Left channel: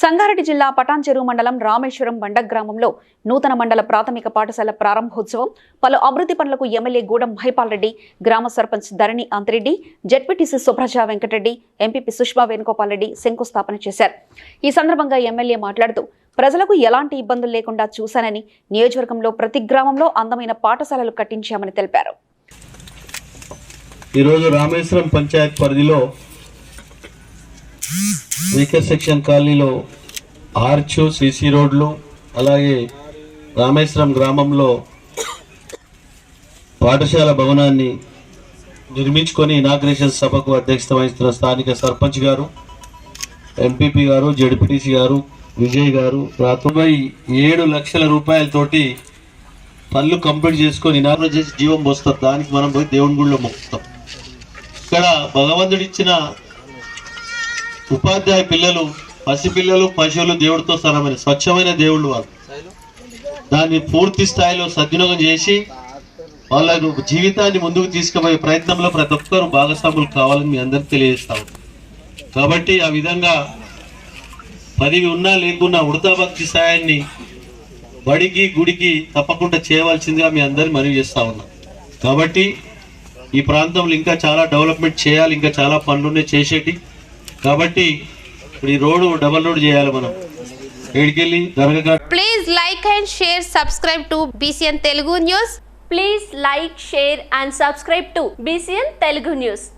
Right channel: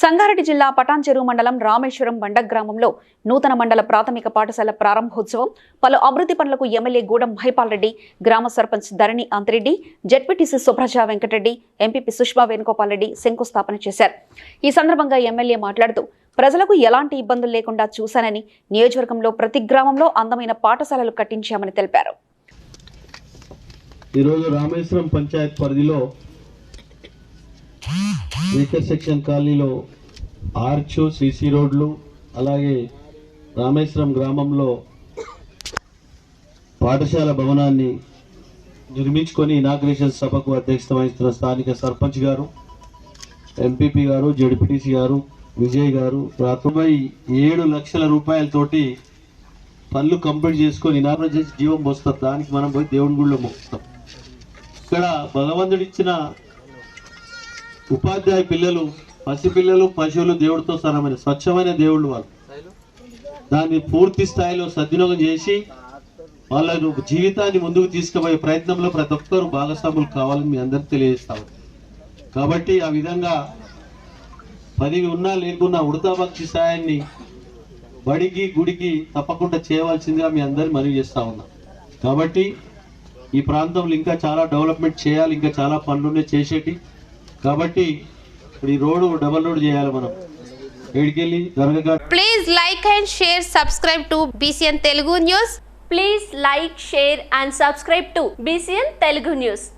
సంగారెడ్డి జిల్లా పటాన్చెరు మండలం రామేశ్వరం బండ గ్రామంలో నూతన మండల ప్రాథమిక పాఠశాల ప్రారంభోత్సవం. పలు అభివృద్ధి పనులకు ఎమ్మెల్యే గూడెం మహిపాల్ రెడ్డి గ్రామ సర్పంచ్ ధరణి అంతిరెడ్డి జడ్పీటీసీ సుభ్రజ వెంకటరెడ్డి ఎంపీపీ సుష్మా వేణుగోపాల్ రెడ్డి శంకుస్థాపన చేశారు. ఈ సందర్భంగా ఎమ్మెల్యే మాట్లాడుతూ ప్రజలకు ఎలాంటి ఇబ్బందులు లేకుండా చూశానని నియోజకవర్గంలో ప్రతి గ్రామంలో అందమైన పాఠశాలలు కట్టించామని తెలిపారు. ఈరోజు రామేశ్వరం పంచాయత్ పరిధిలో వీకర్ సెక్షన్ కాలనీలో ఆర్చు సిసి రోడ్లు అలాగే రామేశ్వరం గ్రామంలో పాఠశాల భవనాన్ని నిర్మించుకొని ఇనాగ్రేషన్ సభకు అధ్యక్షత వహిస్తున్న స్థానిక సర్పంచ్ గారు ఎంపీపీ గారు జడ్పీటీసీ గారు విజయ్ గారు తొంభై ఏడు లక్షల రూపాయలతోటి పనులు కంప్లీట్ చేసుకొని ఇనాగ్రేట్ చేసి జీవం పోస్తారు దానికి మనం పోయి దేవుని గుడిలో మొక్కుతాం. ఇక్కడ భగవంతుడిచ్చిన ఉపాధ్యాయ పిల్లలు పసి పిల్లలు పశువులు దేవుడితో సరమైన స్వచ్ఛమైన దేవుళ్ళు వాళ్ళు. దాన్ని పూర్తి స్థాయిలో సద్వినియోగం చేసి వాళ్ళను జీవితాన్ని ముందుకు తీసుకుపోయే ప్రయత్నంలో ప్రతి ఒక్కరు భాగస్వాములు కావాలని మీ అందరికి తెలియజేస్తాము. కాబట్టి ఆ విధంగా పదివి ఉన్నా లేకున్నా ఉడతా భక్తి సాయాన్ని బడికి గుడికి తప్పకుండా చేయవలసిందిగా మీ అందరిని మనవి చేస్తా ఉన్నాం. కాబట్టి ఈ ప్రాంతంలో ఇంకా చాలా డెవలప్మెంట్ చేయాలి ఇంకా చాలా పనులున్నాయి చేసేటి. కాబట్టి ఇప్పుడు ఈ రోడ్ డబుల్ రోడ్ చేయాలి మనం. ఎక్కడికెళ్ళి జరగక please like and share subscribe to BCN Telugu news please like share and subscribe to BCN Telugu news